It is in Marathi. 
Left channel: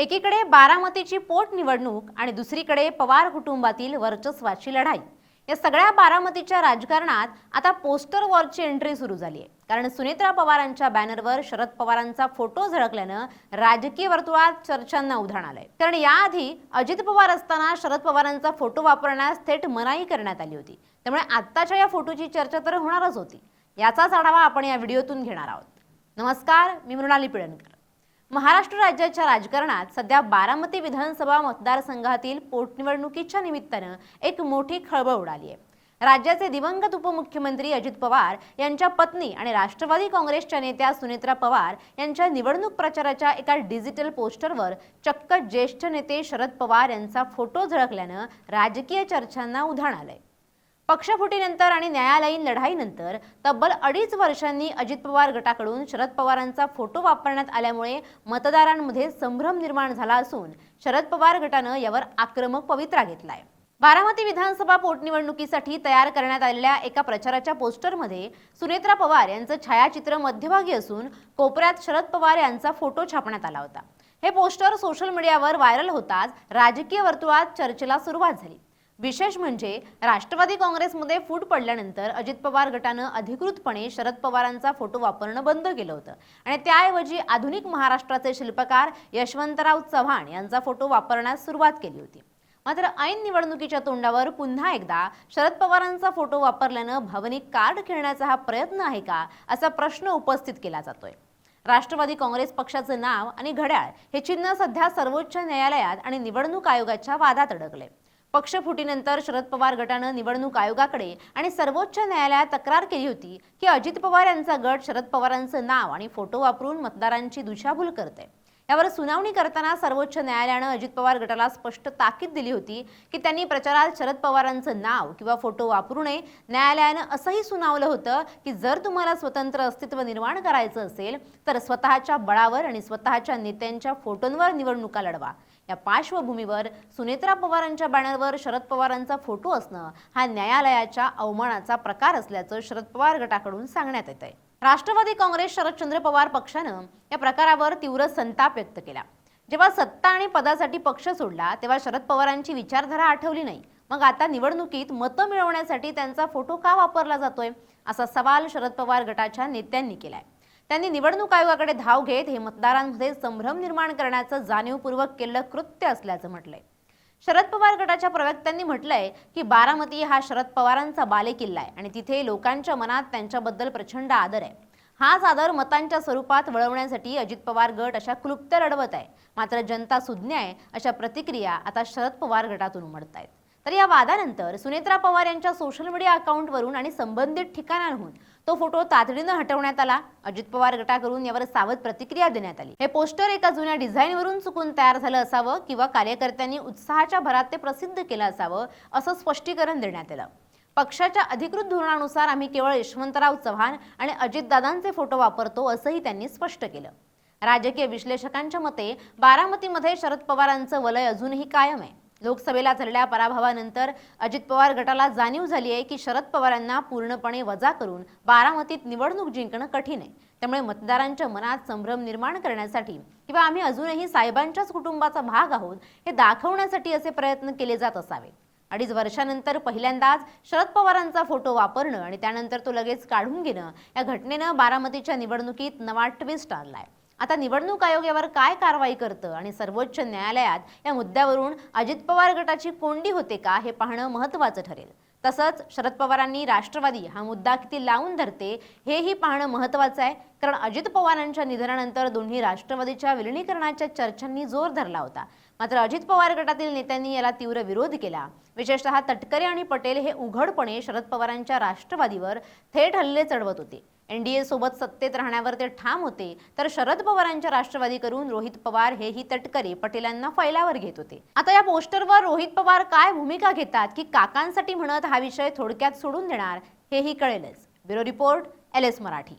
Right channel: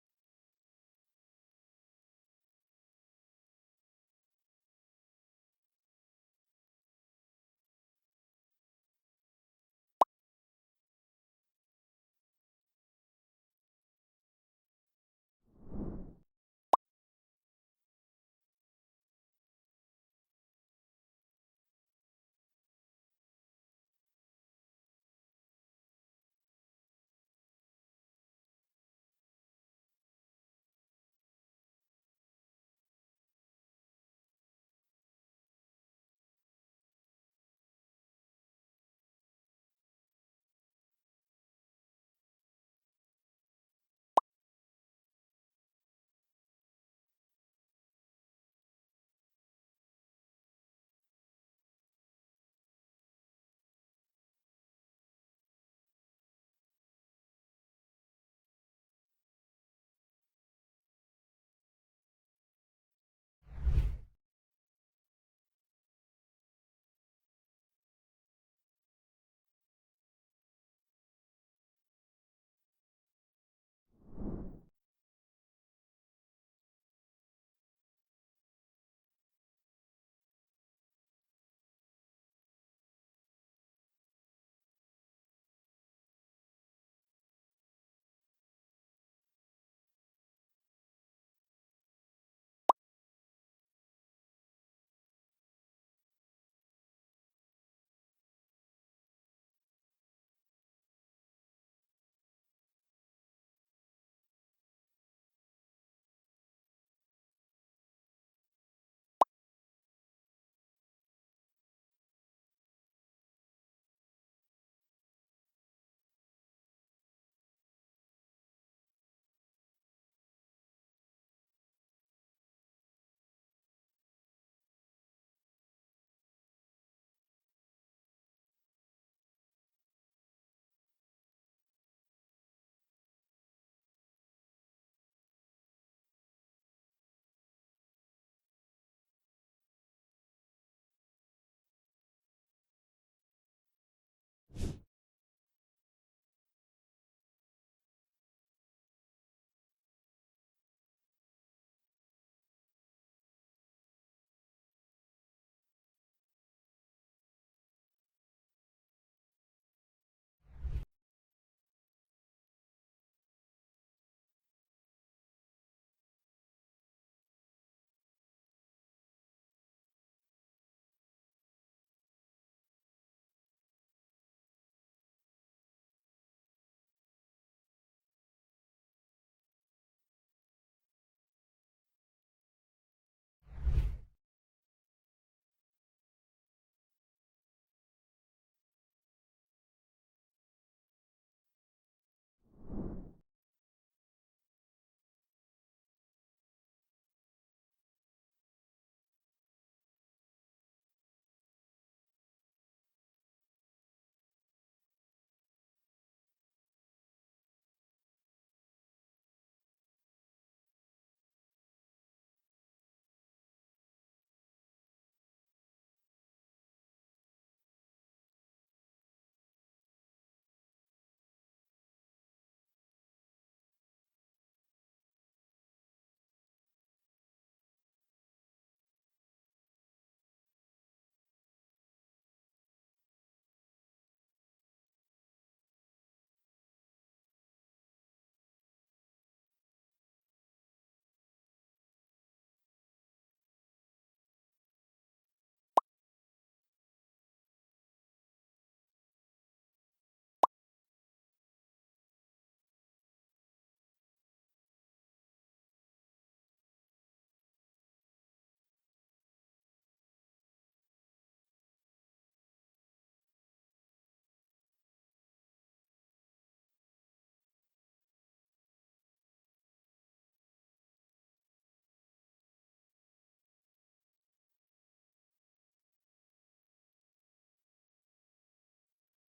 एकीकडे बारामतीची पोटनिवडणूक आणि दुसरीकडे पवार कुटुंबातील वर्चस्वाची लढाई। या सगळ्या बारामतीच्या राजकारणात आता पोस्टर वॉरची एंट्री सुरू झाली आहे। कारण सुनेत्रा पवारांच्या बॅनरवर शरद पवारांचा फोटो झळकल्यानं राजकीय वर्तुळात चर्चांना उधाण आलंय। कारण याआधी अजित पवार असताना शरद पवारांचा फोटो वापरण्यास थेट मनाई करण्यात आली होती। त्यामुळे आत्ताच्या या फोटोची चर्चा तर होणारच होती। याचाच आढावा आपण या व्हिडिओतून घेणार आहोत। नमस्कार, मी मृणाली पिळणकर। महाराष्ट्र राज्याच्या राजकारणात सध्या बारामती विधानसभा मतदारसंघातील पोटनिवडणुकीच्या निमित्तानं एक मोठी खळबळ उडाली आहे। राज्याचे दिवंगत उपमुख्यमंत्री अजित पवार यांच्या पत्नी आणि राष्ट्रवादी काँग्रेसच्या नेत्या सुनेत्रा पवार यांच्या निवडणूक प्रचाराच्या एका डिजिटल पोस्टरवर चक्क ज्येष्ठ नेते शरद पवार यांचा फोटो झळकल्यानं राजकीय चर्चांना उधाण आलंय। पक्षफुटीनंतर आणि न्यायालयीन लढाईनंतर तब्बल 2.5 वर्षांनी अजित पवार गटाकडून शरद पवारांचा फोटो वापरण्यात आल्यामुळे मतदारांमध्ये संभ्रम निर्माण झाला असून शरद पवार गटानं यावर आक्रमक पवित्रा घेतलाय। बारामती विधानसभा पोटनिवडणुकीसाठी तयार करण्यात आलेल्या एका प्रचाराच्या पोस्टरमध्ये सुनेत्रा पवार यांचं छायाचित्र मध्यभागी असून कोपऱ्यात शरद पवार यांचा फोटो छापण्यात आला होता। हे पोस्टर सोशल मीडियावर व्हायरल होताच राजकीय वर्तुळात चर्चेला सुरुवात झाली। विशेष म्हणजे राष्ट्रवादी काँग्रेसमध्ये फूट पडल्यानंतर अजित पवार गटानं अधिकृतपणे शरद पवारांचा फोटो वापरणं बंद केलं होतं आणि त्याऐवजी आधुनिक महाराष्ट्राचे शिल्पकार यशवंतराव चव्हाण यांचा फोटो वापरण्यास सुरुवात केली होती। मात्र ऐन निवडणुकीच्या तोंडावर पुन्हा एकदा शरद पवारांचा फोटो वापरल्यानं भावनिक कार्ड खेळण्याचा हा प्रयत्न आहे का, असा प्रश्न उपस्थित केला जातोय। राष्ट्रवादी काँग्रेस पक्षाचं नाव आणि घड्याळ हे चिन्ह सध्या सर्वोच्च न्यायालयात आणि निवडणूक आयोगाच्या वादात अडकले। पक्षफुटीनंतर शरद पवार गटानं निवडणूक आयोगाकडे आणि सर्वोच्च न्यायालयात तक्रार केली होती की अजित पवार यांचा गट शरद पवारांचं नाव आणि फोटो वापरून मतदारांची दिशाभूल करते। यावर सुनावणी करताना सर्वोच्च न्यायालयानं अजित पवार गटाला स्पष्ट ताकीद दिली होती की त्यांनी प्रचारात शरद पवारांचं नाव किंवा फोटो वापरू नये। न्यायालयानं असंही सुनावलं होतं की जर तुम्हाला स्वतंत्र अस्तित्व निर्माण करायचं असेल तर स्वतःच्या बळावर आणि स्वतःच्या नेत्यांच्या फोटोंवर निवडणुका लढवा। या पार्श्वभूमीवर सुनेत्रा पवारांच्या बॅनरवर शरद पवारांचा फोटो असणं हा न्यायालयाच्या अवमानाचा प्रकार असल्याचं शरद पवार गटाकडून सांगण्यात येत आहे। राष्ट्रवादी काँग्रेस शरदचंद्र पवार पक्षानं या प्रकारावर तीव्र संताप व्यक्त केला। जेव्हा सत्ता आणि पदासाठी पक्ष सोडला तेव्हा शरद पवारांची विचारधारा आठवली नाही, मग आता निवडणुकीत मतं मिळवण्यासाठी त्यांचा फोटो का वापरला जातोय, असा सवाल शरद पवार गटाच्या नेत्यांनी केलाय। त्यांनी निवडणूक आयोगाकडे धाव घेत हे मतदारांमध्ये संभ्रम निर्माण करण्याचं जाणीवपूर्वक केलेलं कृत्य असल्याचं म्हटलंय। शरद पवार गटाच्या प्रवक्त्यांनी म्हटलंय की बारामती हा शरद पवारांचा बालेकिल्ला आहे आणि तिथे लोकांच्या मनात त्यांच्याबद्दल प्रचंड आदर आहे। हाच आदर मतांच्या स्वरूपात वळवण्यासाठी अजित पवार गट अशा क्लुप्त लढवत आहे। मात्र जनता सुज्ञ आहे, अशा प्रतिक्रिया आता शरद पवार गटातून उमटत आहेत। तर या वादानंतर सुनेत्रा पवार यांच्या सोशल मीडिया अकाउंटवरून आणि संबंधित ठिकाणांहून तो फोटो तातडीनं हटवण्यात आला। अजित पवार गटाकडून यावर सावध प्रतिक्रिया देण्यात आली। हे पोस्टर एका जुन्या डिझाईनवरून चुकून तयार झालं असावं किंवा कार्यकर्त्यांनी उत्साहाच्या भरात ते प्रसिद्ध केलं असावं, असं स्पष्टीकरण देण्यात आलं। पक्षाच्या अधिकृत धोरणानुसार आम्ही केवळ यशवंतराव चव्हाण आणि अजितदादांचे फोटो वापरतो, असंही त्यांनी स्पष्ट केलं। राजकीय विश्लेषकांच्या मते बारामतीमध्ये शरद पवारांचं वलय अजूनही कायम आहे। लोकसभेला झालेल्या पराभवानंतर अजित पवार गटाला जाणीव झाली आहे की शरद पवारांना पूर्णपणे वजा करून बारामतीत निवडणूक जिंकणं कठीण आहे। त्यामुळे मतदारांच्या मनात संभ्रम निर्माण करण्यासाठी किंवा आम्ही अजूनही साहेबांच्याच कुटुंबाचा भाग आहोत हे दाखवण्यासाठी असे प्रयत्न केले जात असावे। 2.5 वर्षांनंतर पहिल्यांदाच शरद पवारांचा फोटो वापरणं आणि त्यानंतर तो लगेच काढून घेणं या घटनेनं बारामतीच्या निवडणुकीत नवा ट्विस्ट आणलाय। आता निवडणूक आयोग यावर काय कारवाई करतं आणि सर्वोच्च न्यायालयात या मुद्द्यावरून अजित पवार गटाची कोंडी होते का हे पाहणं महत्त्वाचं ठरेल। तसंच शरद पवारांनी राष्ट्रवादी हा मुद्दा किती लावून धरते हेही पाहणं महत्त्वाचं आहे। कारण अजित पवारांच्या निधनानंतर दोन्ही राष्ट्रवादीच्या विलिनीकरणाच्या चर्चांनी जोर धरला होता। मात्र अजित पवार गटातील नेत्यांनी याला तीव्र विरोध केला। विशेषतः तटकरे आणि पटेल हे उघडपणे शरद पवारांच्या राष्ट्रवादीवर थेट हल्ले चढवत होते। एनडीए सोबत सत्तेत राहण्यावर ते ठाम होते, तर शरद पवारांच्या राष्ट्रवादीकडून रोहित पवार हेही तटकरे पटेलांना फैलावर घेत होते। आता या पोस्टरवर रोहित पवार काय भूमिका घेतात की काकांसाठी म्हणत हा विषय थोडक्यात सोडून देणार हेही कळेलच। Bureau report, LS Marathi.